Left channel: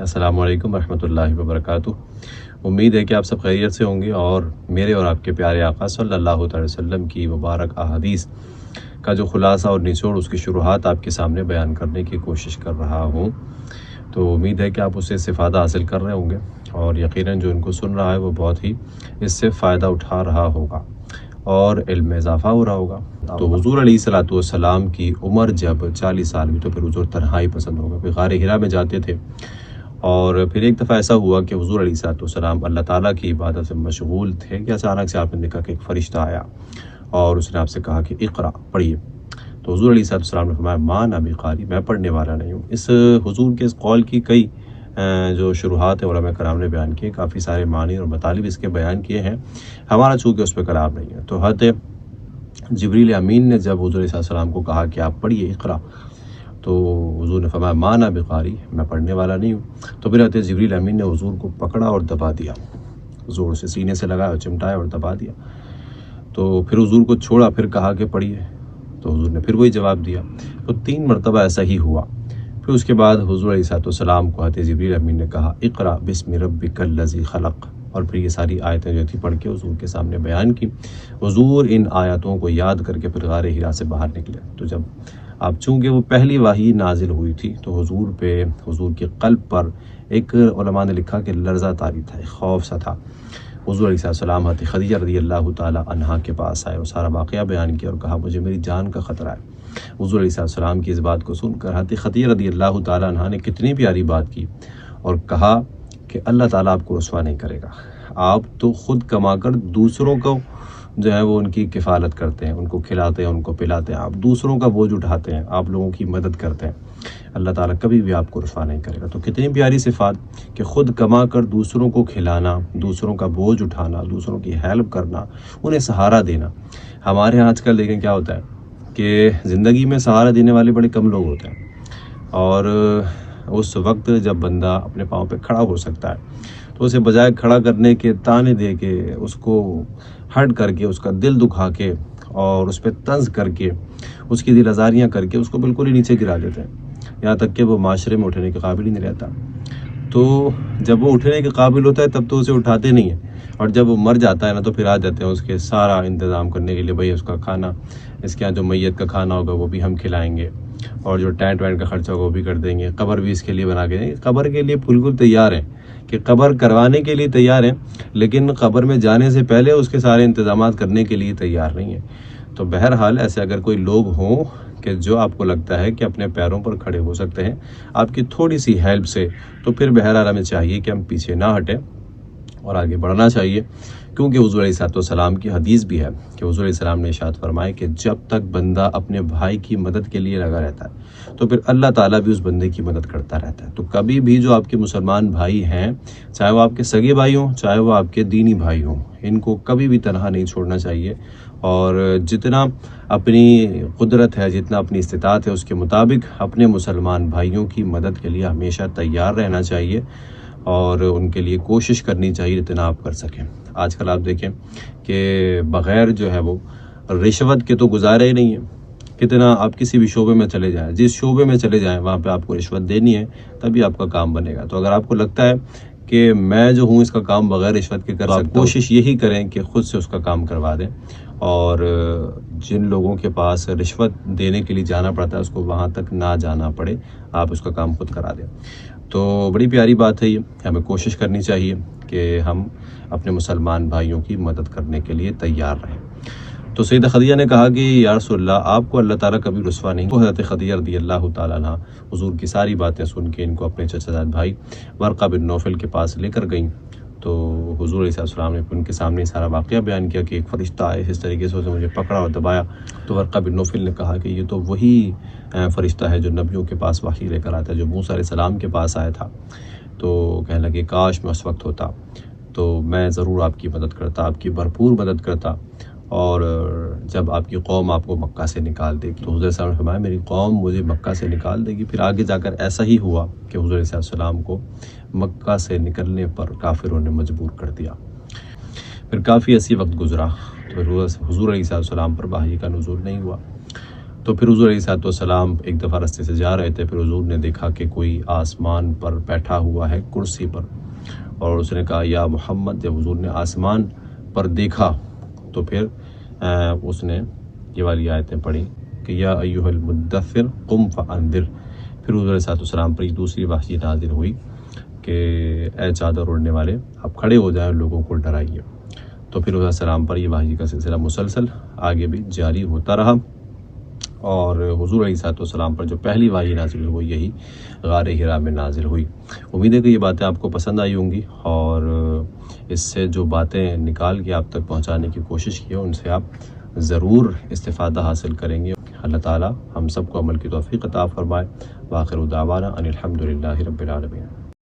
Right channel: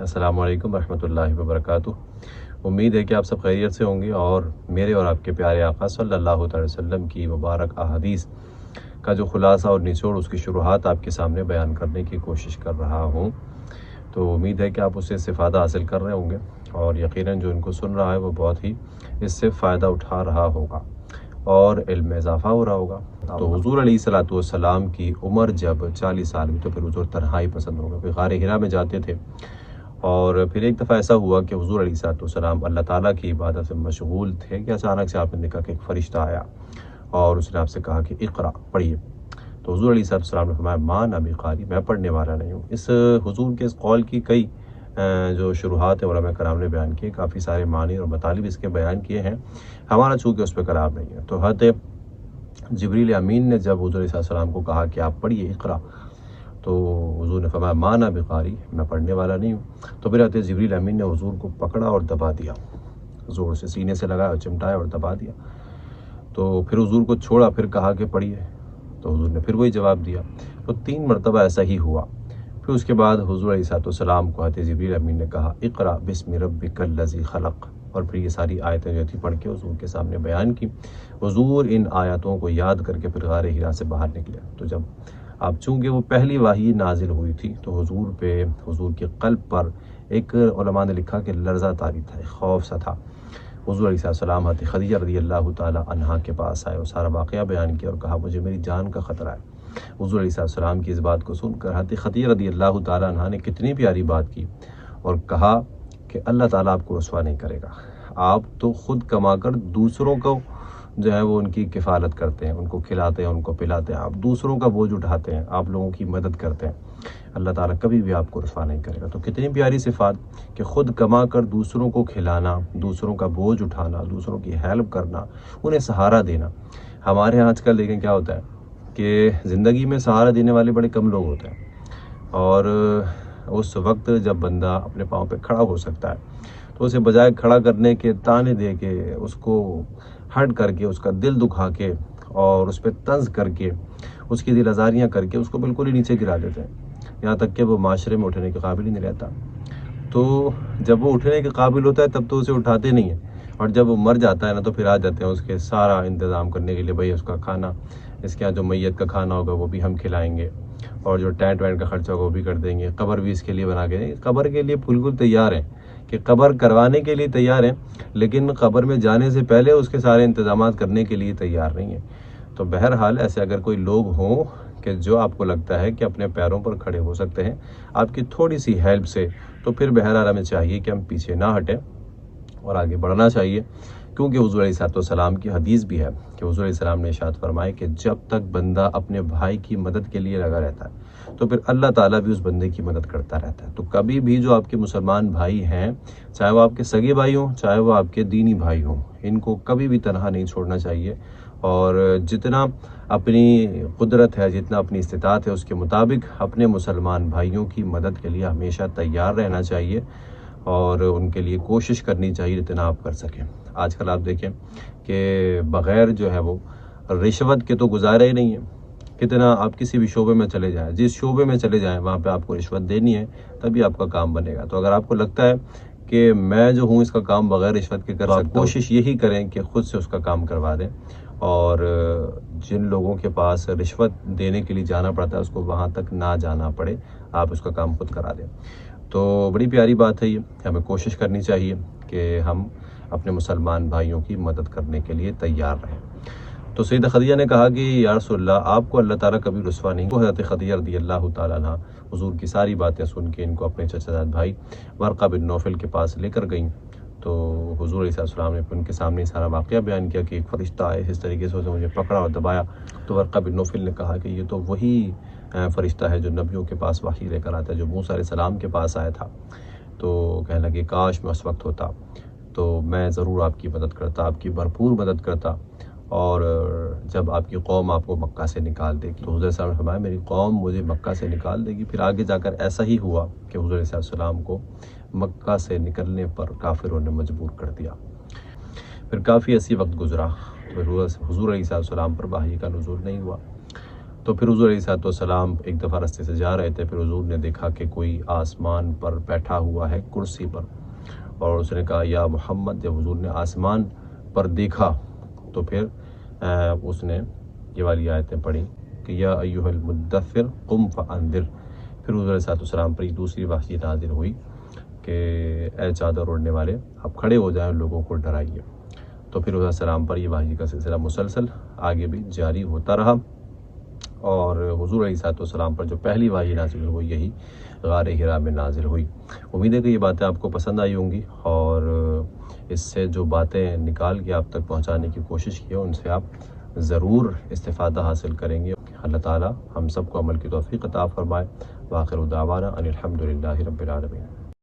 अस्सलाम वालेकुम रहमतुल्लाहि व बरकातुहू। उम्मीद है कि आप सब खैरियत से होंगे और मेरे और आपके प्यारे आका सल्लल्लाहु अलैहि वसल्लम की मुबारक अहादीस का जो खुलासा और निचोड़ उसकी शुरुआत आपके सामने बयान करने की कोशिश कर रहा हूँ। तो उम्मीद है कि आप उससे इस्तिफ़ादा हासिल कर रहे होंगे और यकीनन जो इनको सुन रहा है वो बहुत ही इससे फ़ायदा उठा रहा होगा और इल्म में इजाफ़ा हो रहा होगा। तो हुज़ूर अलैहिस्सलातु वस्सलाम की उम्र जब 40 साल हुई तो फिर हुज़ूर तन्हाई पसंद हो गए, फिर गारे हिरा में जाते थे। और फिर एक दफ़ा ऐसा हुआ कि हुज़ूर अलैहिस्सलातु वस्सलाम अल्लाह ताला की इबादत से मशगूल थे कि अचानक से आपने देखा कि एक फ़रिश्ता आया और उसने आपसे कहा कि इक़रा, पढ़िए। तो हुज़ूर अलैहिस्सलातु वस्सलाम ने फरमाया मा ना बिक़ारी, मैं पढ़ने वाला नहीं हूँ। इस हुज़ूर के इस कौल की कई जो शुरुआत है उलमा कराम ने बयान किए, काफ़ी सारे मानी और मतालिब इसके बयान किए हैं। हमारा चूँकि उस पर कलाम नहीं है, तो हज़रत जिब्रील अमीन ने जब हुज़ूर अलैहि सल्लम को कहा कि आप पढ़िए इक़रा, तो हुज़ूर ने फरमाया मा ना बिक़ारी, मैं पढ़ने वाला नहीं हूँ। तो फिर हज़रत जिब्रील अमीन ने हुज़ूर को पकड़ा और दबा दिया, ज़ोर से सीने से लगाया और चिमटाया और दबा दिया। तो फिर हुज़ूर को छोड़ा, फिर कहा कि पढ़िए, तो हुज़ूर ने फिर वही जवाब दिया। तो 3 मरतबा ऐसा ही हुआ। फिर उसके बाद हुज़ूर अलैहिस्सलाम को हज़रत जिब्रील अमीन ने कहा इक़रा बिस्मि रब्बिकल लज़ी खलक़, और फिर ये सारी आयतें जो थी पढ़ के हुज़ूर के सामने बयान की। हुज़ूर इन आयतों को याद करके फिर गारे हिरा से बाहर निकले। तो जब अब चूँकि वो पहली वही नाजिल हुई थी तो हुज़ूर पे, हुज़ूर के क़ल्ब पर एक उलमा ने लिखा कि लर्ज़ा तारी था, एक खौफ सा था। हुज़ूर अलैहिस्सलाम हज़रत खदीजा रज़ियल्लाहु ताला अन्हा के पास आए और सारा वाक़या बयान किया और कहा मुझे मेरी जान का ख़तरा है। हुज़ूर अलैहिस्सलाम की इस बात को सुनकर हज़रत खदीजा रज़ियल्लाहु ताला अन्हा ने कितनी प्यारी बात की और कहा कि अल्लाह ताला आपको रुसवा नहीं करेगा। आप तो ख़ुद कमाकर दूसरों को जो है वो उनकी किफ़ालत करते हैं, उनको खिलाते हैं, उनको पिलाते हैं, आप दूसरों का बोझ उठाते हैं, आप लोगों की मदद करते हैं। अल्लाह ताला कभी भी आपको रुसवा नहीं करेगा। तो कितनी प्यारी सिफ़ात कि ख़ुद कमा कर दूसरों को खिलाना, दूसरों का बोझ उठाना, दूसरों की हेल्प करना, उन्हें सहारा देना। हमारे यहाँ आजकल देखें क्या होता है कि ज़िंदगी में सहारा देने वाले बड़े कम लोग होते हैं और उस वक्त जब बंदा अपने पाँव पे खड़ा हो सकता है तो उसे बजाय खड़ा करने के ताने दे के, उसको हर्ट करके, उसका दिल दुखा के और उस पर तंज करके, उसकी दिल आज़ारियाँ करके उसको बिल्कुल ही नीचे गिरा देते हैं, यहाँ तक कि वो माशरे में उठने के काबिल ही नहीं रहता। तो जब वो उठने के काबिल होता है तब तो उसे उठाते नहीं हैं, और जब वो मर जाता है ना तो फिर आ जाते हैं उसके सारा इंतज़ाम करने के लिए, भाई उसका खाना, इसके यहाँ जो मैयत का खाना होगा वो भी हम खिलाएंगे और जो टेंट वेंट का खर्चा होगा वो भी कर देंगे, कब्र भी इसके लिए बना के देंगे। कब्र के लिए बिल्कुल तैयार हैं कि कब्र करवाने के लिए तैयार हैं, लेकिन कब्र में जाने से पहले उसके सारे इंतज़ामात करने के लिए तैयार नहीं है। तो बहरहाल ऐसे अगर कोई लोग हों कि जो आपको लगता है कि अपने पैरों पर खड़े हो सकते हैं आपकी थोड़ी सी हेल्प से, तो फिर बहरहाल हमें चाहिए कि हम पीछे ना हटें और आगे बढ़ना चाहिए, क्योंकि हुज़ूर अलैहिस्सलाम की हदीस भी है कि हुज़ूर अलैहिस्सलाम ने इरशाद फरमाया कि जब तक बंदा अपने भाई की मदद के लिए लगा रहता है तो फिर अल्लाह ताला भी उस बंदे की मदद करता रहता है। तो कभी भी जो आपके मुसलमान भाई हैं, चाहे वो आपके सगे भाई हों, चाहे वो आपके दीनी भाई हों, इनको कभी भी तनहा नहीं छोड़ना चाहिए और जितना अपनी कुदरत है, जितना अपनी इस्तिताअत है उसके मुताबिक अपने मुसलमान भाइयों की मदद के लिए हमेशा तैयार रहना चाहिए और उनके लिए कोशिश करनी चाहिए जितना आप कर सकें। आजकल आप देखें कि बग़ैर जो है वो रिश्वत के तो गुजारा ही नहीं है। कितना आप किसी भी शोबे में चले जाएं, जिस शोबे में चले जाएं वहाँ पे आपको रिश्वत देनी है, तभी आपका काम बनेगा। तो अगर आपको लगता है कि मैं जो हूँ इसका काम बग़ैर रिश्वत के कर सकता हूँ, कोशिश यही करें कि ख़ुद से उसका काम करवा दें और जिन लोगों के पास रिश्वत देने के लिए जाना पड़ता है उसको वहाँ तक ना जाना पड़े, आप उसका काम खुद करा दें। तो बड़ी प्यारी बात है ये, हमें कोशिश करनी चाहिए कि हम अपने मुसलमान भाइयों की मदद करने के लिए तैयार रहें। तो सैयदा खदीजा ने कहा कि या रसूलल्लाह, आपको अल्लाह ताला कभी रुसवा नहीं। तो हज़रत खदीजा रज़ियल्लाहु ताला अन्हा हुज़ूर की सारी बातें सुन के इनको अपने चचाजाद भाई वरक़ा बिन नौफ़ल के पास लेकर गईं। तो हुज़ूर अलैहिस्सलाम ने उनके सामने सारा वाक़या बयान किया कि एक फ़रिश्ता आया, इस तरीके से उसने मुझे पकड़ा और दबाया। तो वरक़ा बिन नौफ़ल ने कहा कि ये तो वही फ़रिश्ता है जो नबियों के पास वही लेकर आता है, जो मूसा अलैहिस्सलाम के पास आया था। तो कहने लगे काश मैं उस वक्त होता तो मैं ज़रूर आपकी मदद करता, आपकी भरपूर मदद करता, और जब आपकी कौम आपको मक्का से निकाल देगी। तो हुज़ूर साहब ने फरमाया मेरी कौम मुझे मक्का से निकाल देगी। फिर आगे जाकर ऐसा ही हुआ कि हुज़ूर सल्लल्लाहु को मक्का से निकलने पर काफिरों ने मजबूर कर दिया। फिर काफ़ी ऐसी वक्त गुजरा तो हुज़ूर सल्लल्लाहु पर वही का नुज़ूल नहीं हुआ। تو پھر حضور علیہ السلام ایک دفعہ راستے سے جا رہے تھے، پھر حضور نے دیکھا کہ کوئی آسمان پر بیٹھا ہوا ہے کرسی پر، اور اس نے کہا یا محمد۔ جب حضور نے آسمان پر دیکھا تو پھر اس نے یہ والی آیتیں پڑھی کہ یا ایھا المدثر قم فانذر۔ پھر حضور علیہ السلام پر دوسری وحی نازل ہوئی کہ اے چادر اڑنے والے، آپ کھڑے ہو جائیں، لوگوں کو ڈرائیے۔ تو پھر حضور علیہ السلام پر یہ وحی کا سلسلہ مسلسل آگے بھی جاری ہوتا رہا، اور حضور علیہ السلام پر جو پہلی وحی نازل ہوئی یہی غار حرا میں نازل ہوئی۔ امید ہے کہ یہ باتیں آپ کو پسند آئی ہوں گی، اور اس سے جو باتیں نکال کے آپ تک پہنچانے کی کوشش کی ہے ان سے آپ ضرور استفادہ حاصل کریں گے۔ اللہ تعالی ہم سب کو عمل کی توفیق عطا فرمائے۔ وآخر دعوانا ان الحمد للہ رب العالمین۔